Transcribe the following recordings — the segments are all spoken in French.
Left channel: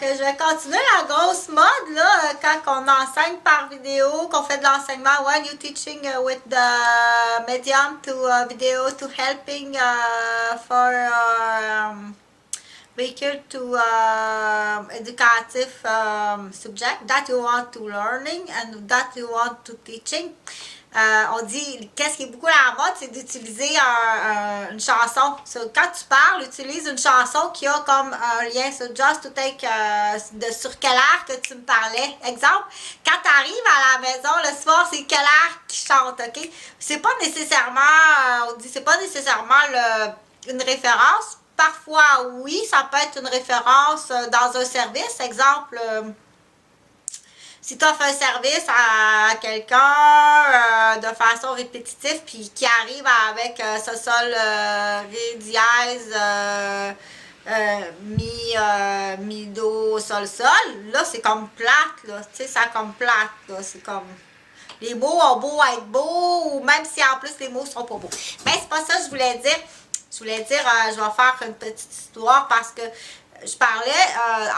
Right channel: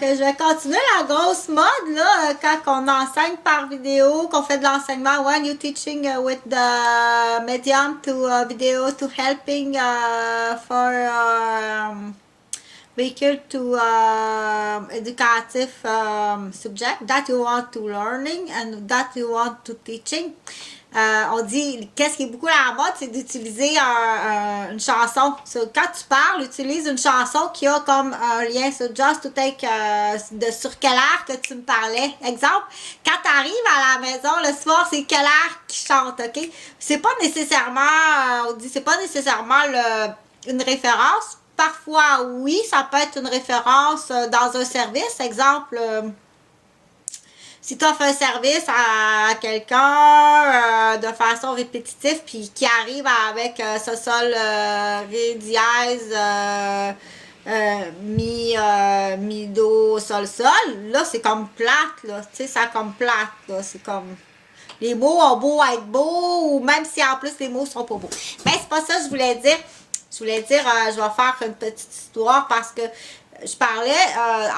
que je vais continuer la grosse mode, là, quand on enseigne par vidéo, qu'on fait de l'enseignement. When you teaching with the medium to video to helping for vehicle to educative subject that you want to learning and that you want to teaching. On dit, qu'est-ce qui est beaucoup à la mode, c'est d'utiliser une chanson. So, quand tu parles, utilise une chanson qui a comme un lien. So, just to take, sur quel air que tu me parlais. Exemple, quand tu arrives à la maison le soir, c'est quel air qui chante, ok? C'est pas nécessairement, on dit, c'est pas nécessairement une référence. Parfois, oui, ça peut être une référence dans un service. Exemple, si tu offres un service à quelqu'un de façon répétitive, puis qui arrive avec ce sol ré dièse, mi do sol sol, là c'est comme plate, là, tu sais, ça comme plate, là, c'est comme les mots ont beau être beaux, ou même si en plus les mots sont pas beaux. Mais c'est pas ça que je voulais dire. Je vais faire une petite histoire parce que je parlais,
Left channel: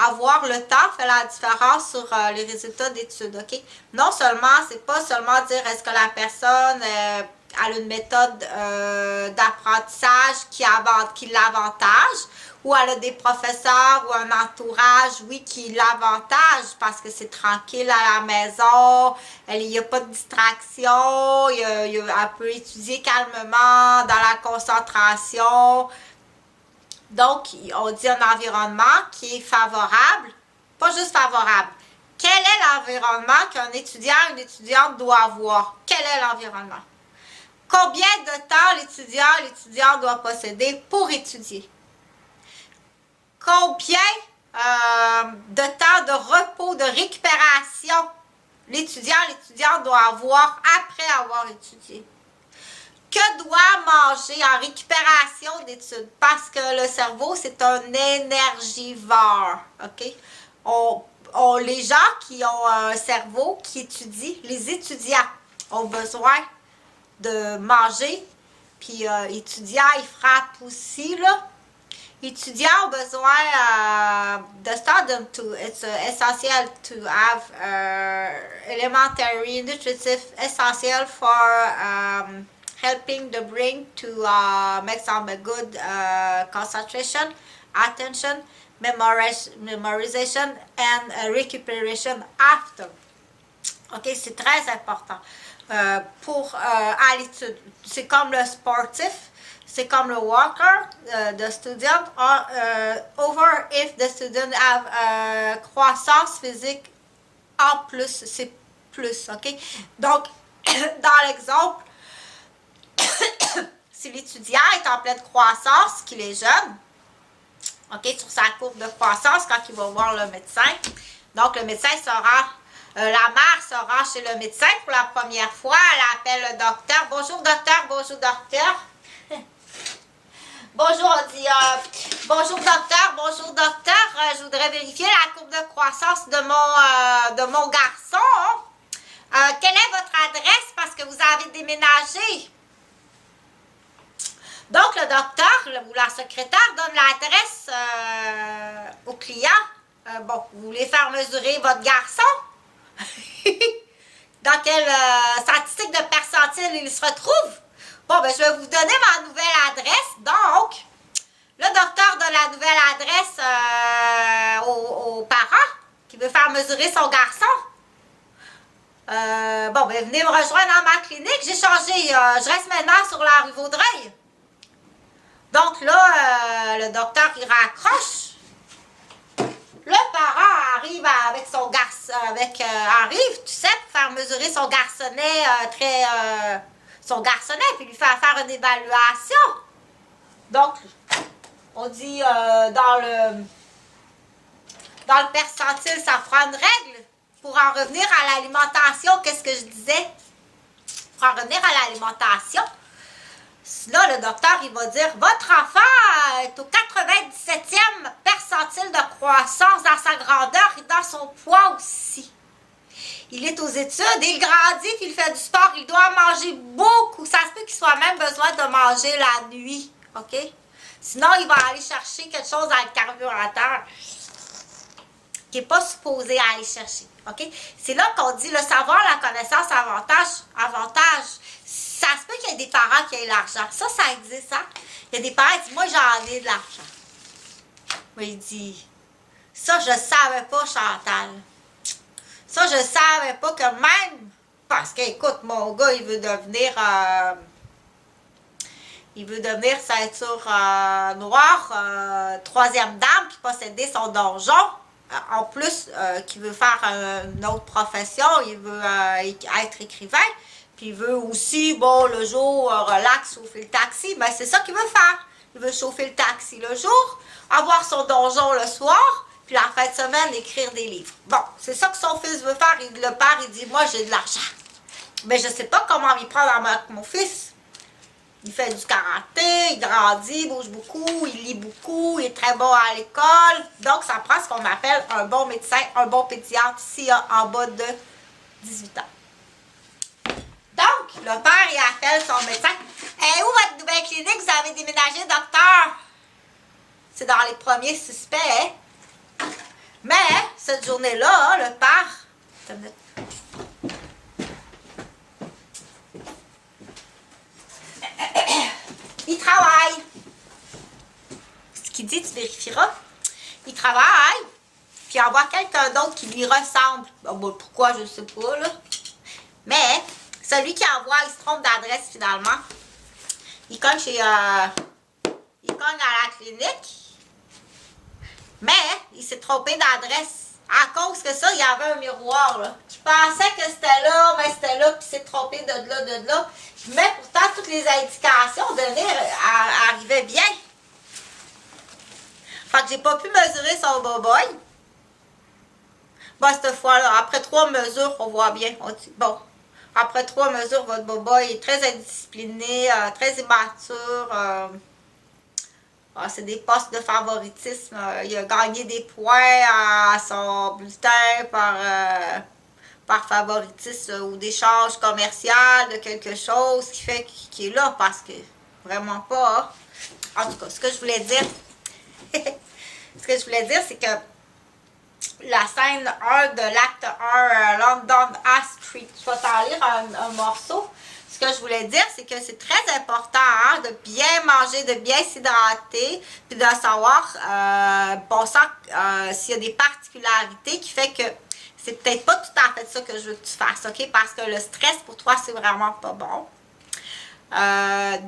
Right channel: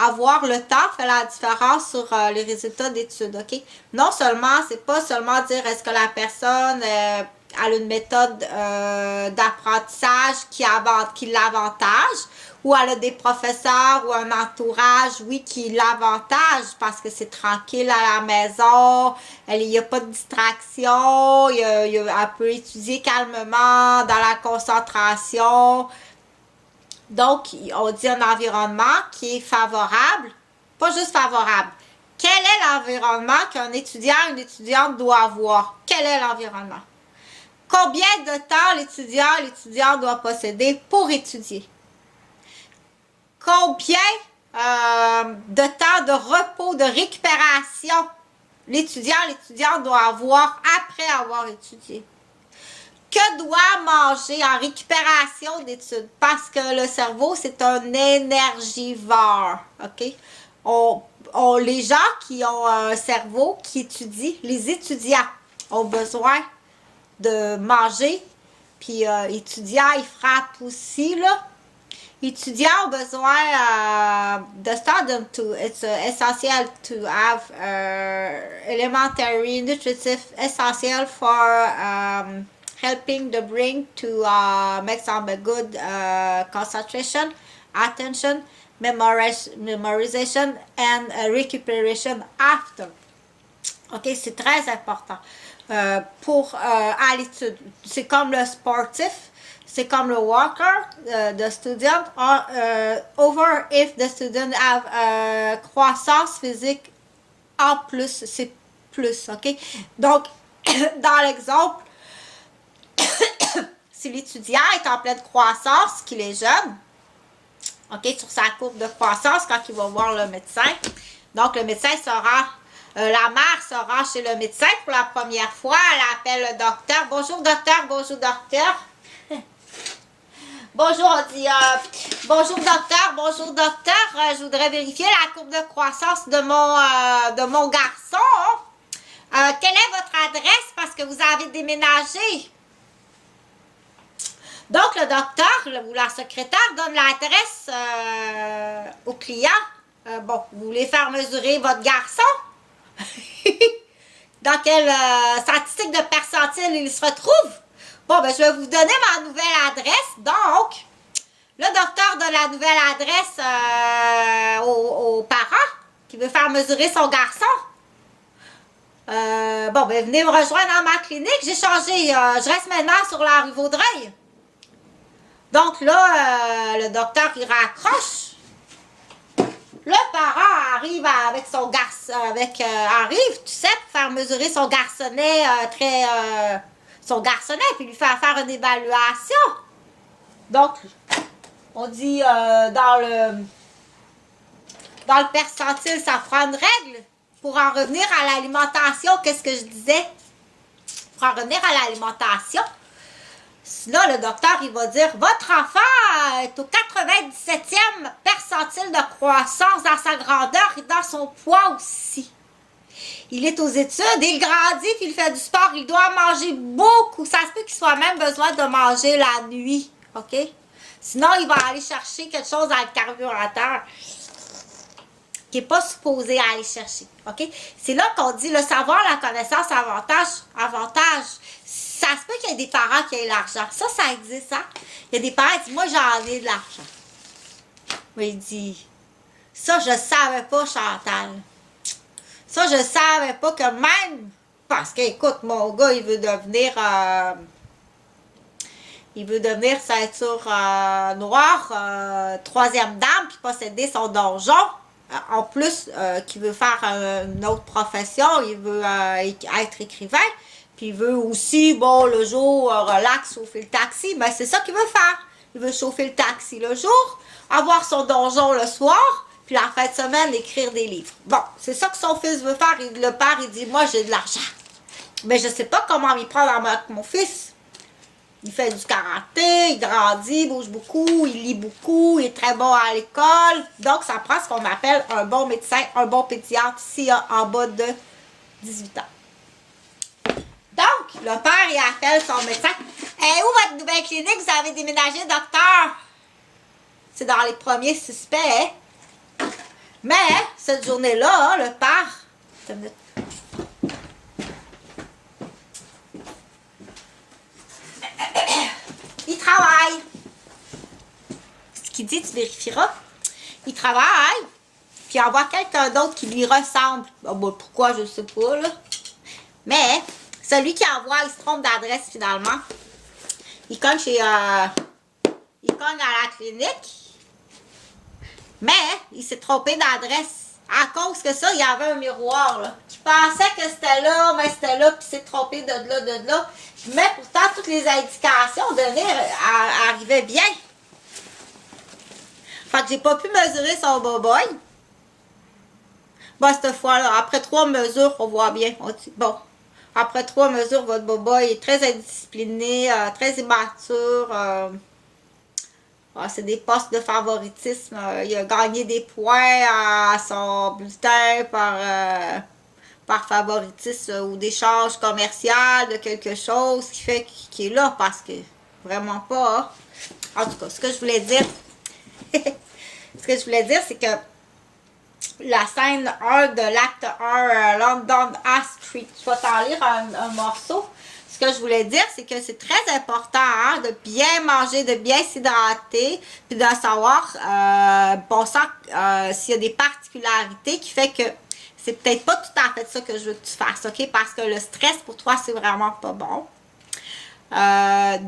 avoir le temps fait la différence sur les résultats d'études, ok? Non seulement, c'est pas seulement dire est-ce que la personne a une méthode d'apprentissage qui l'avantage, ou elle a des professeurs ou un entourage, oui, qui l'avantage parce que c'est tranquille à la maison, il n'y a pas de distraction, elle peut étudier calmement, dans la concentration. Donc, on dit un environnement qui est favorable, pas juste favorable. Quel est l'environnement qu'un étudiant, une étudiante doit avoir? Quel est l'environnement? Combien de temps l'étudiant doit posséder pour étudier? Combien de temps de repos, de récupération l'étudiante doit avoir après avoir étudié? Que doit manger en récupération d'études? Parce que le cerveau, c'est un énergivore, ok? Les gens qui ont un cerveau qui étudie, les étudiants ont besoin de manger, puis étudiants, ils frappent aussi, là. Étudiants ont besoin de student to, it's essential to have elementary nutritive essential for helping the brain to make some good concentration, attention, memorization, and recuperation after. Ok, c'est très important pour à l'étude. C'est comme le sportif. C'est comme le worker, the student, over if the student have croissance physique en plus, c'est plus, ok? Donc, dans l'exemple, si l'étudiant est en pleine croissance, qu'il est jeune, ok, sur sa courbe de croissance, quand il va voir le médecin, donc le médecin sera, la mère sera chez le médecin pour la première fois, elle appelle le docteur, bonjour docteur, bonjour docteur. Bonjour, on dit bonjour docteur, je voudrais vérifier la courbe de croissance de mon garçon. Quelle est votre adresse parce que vous avez déménagé? Donc, le docteur ou la secrétaire donne l'adresse au client. Bon, vous voulez faire mesurer votre garçon? Dans quelle statistique de percentile il se retrouve? Bon, ben, je vais vous donner ma nouvelle adresse. Donc, le docteur donne la nouvelle adresse aux parents qui veut faire mesurer son garçon. Bon, ben, venez me rejoindre dans ma clinique. J'ai changé. Je reste maintenant sur la rue Vaudreuil. Donc là, le docteur, il raccroche. Le parent arrive avec son garçon, arrive, tu sais, pour faire mesurer son garçonnet son garçonnet, puis lui faire une évaluation. Donc, on dit dans le percentile, ça prend une règle pour en revenir à l'alimentation. Qu'est-ce que je disais? Pour en revenir à l'alimentation, là, le docteur, il va dire, votre enfant est au 97e percentile de croissance dans sa grandeur et dans son poids aussi. Il est aux études, il grandit, puis il fait du sport, il doit manger beaucoup. Ça se peut qu'il soit même besoin de manger la nuit, ok? Sinon, il va aller chercher quelque chose dans le carburateur. qui n'est pas supposé aller chercher. OK? C'est là qu'on dit le savoir, la connaissance, avantage. Ça se peut qu'il y ait des parents qui aient l'argent. Ça existe, hein? Il y a des parents qui disent, moi, j'en ai de l'argent. Mais il dit, ça, je savais pas, Chantal. Ça, je savais pas que même, parce que, écoute, mon gars, il veut devenir ceinture noire, troisième dame, puis posséder son donjon. En plus, qu'il veut faire une autre profession, il veut être écrivain, puis il veut aussi, bon, le jour, relax, chauffer le taxi. Ben, c'est ça qu'il veut faire. Il veut chauffer le taxi le jour, avoir son donjon le soir, puis la fin de semaine, écrire des livres. Bon, c'est ça que son fils veut faire. Le père, il dit, moi, j'ai de l'argent. Mais je sais pas comment m'y prendre avec mon fils. Il fait du karaté, il grandit, il bouge beaucoup, il lit beaucoup, il est très bon à l'école. Donc, ça prend ce qu'on appelle un bon médecin, un bon pédiatre s'il y a en bas de 18 ans. Donc, le père, il appelle son médecin. Où votre nouvelle clinique? Vous avez déménagé, docteur? C'est dans les premiers suspects, hein? Mais, cette journée-là, le père... Il travaille. Ce qu'il dit, tu vérifieras. Il travaille, puis il envoie quelqu'un d'autre qui lui ressemble. Oh, ben, pourquoi, je ne sais pas, là. Mais, celui qui envoie, il se trompe d'adresse, finalement. Il cogne il cogne à la clinique. Mais, il s'est trompé d'adresse. À cause que ça, il y avait un miroir, là. Je pensais que c'était là, mais c'était là, puis il s'est trompé de là. Mais pourtant, toutes les indications données arrivaient bien. Fait que j'ai pas pu mesurer son boboy. Bon, cette fois-là, après 3 mesures, on voit bien. On dit, bon, après 3 mesures, votre boboy est très indiscipliné, très immature. C'est des postes de favoritisme. Il a gagné des points à son bulletin par favoritisme ou d'échange commercial de quelque chose qui fait qu'il est là parce que vraiment pas. Hein. En tout cas, ce que je voulais dire, c'est que la scène 1 de l'acte 1, London High Street, je vais t'en lire un morceau. Ce que je voulais dire, c'est que c'est très important hein, de bien manger, de bien s'hydrater, puis de savoir, bon sang, s'il y a des particularités qui fait que c'est peut-être pas tout à fait ça que je veux que tu fasses, ok? Parce que le stress pour toi, c'est vraiment pas bon.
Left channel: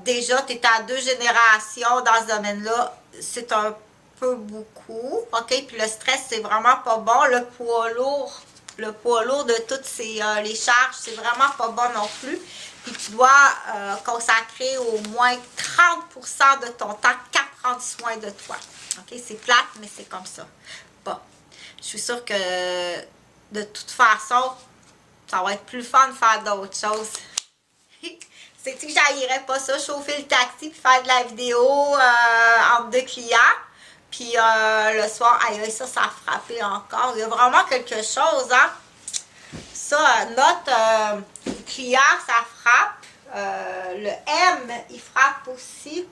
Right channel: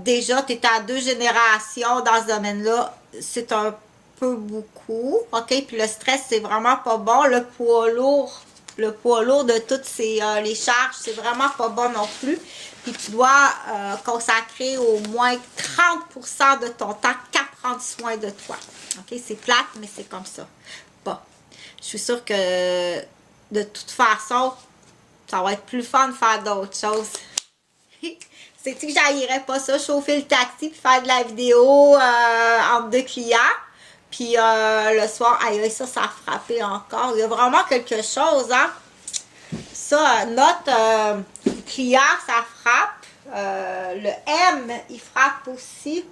Déjà, tu es à 2 générations dans ce domaine-là, c'est un peu beaucoup, ok? Puis le stress, c'est vraiment pas bon. Le poids lourd de toutes les charges, c'est vraiment pas bon non plus. Puis tu dois consacrer au moins 30% de ton temps qu'à prendre soin de toi. OK? C'est plate, mais c'est comme ça. Bon. Je suis sûre que de toute façon, ça va être plus fun de faire d'autres choses. C'est-tu que j'haïrais pas ça, chauffer le taxi puis faire de la vidéo entre 2 clients? Puis le soir, aïe, ça a frappé encore. Il y a vraiment quelque chose, hein? Ça, notre client, ça frappe. Le M, il frappe aussi.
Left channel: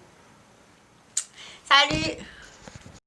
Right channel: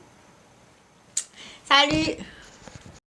Salut!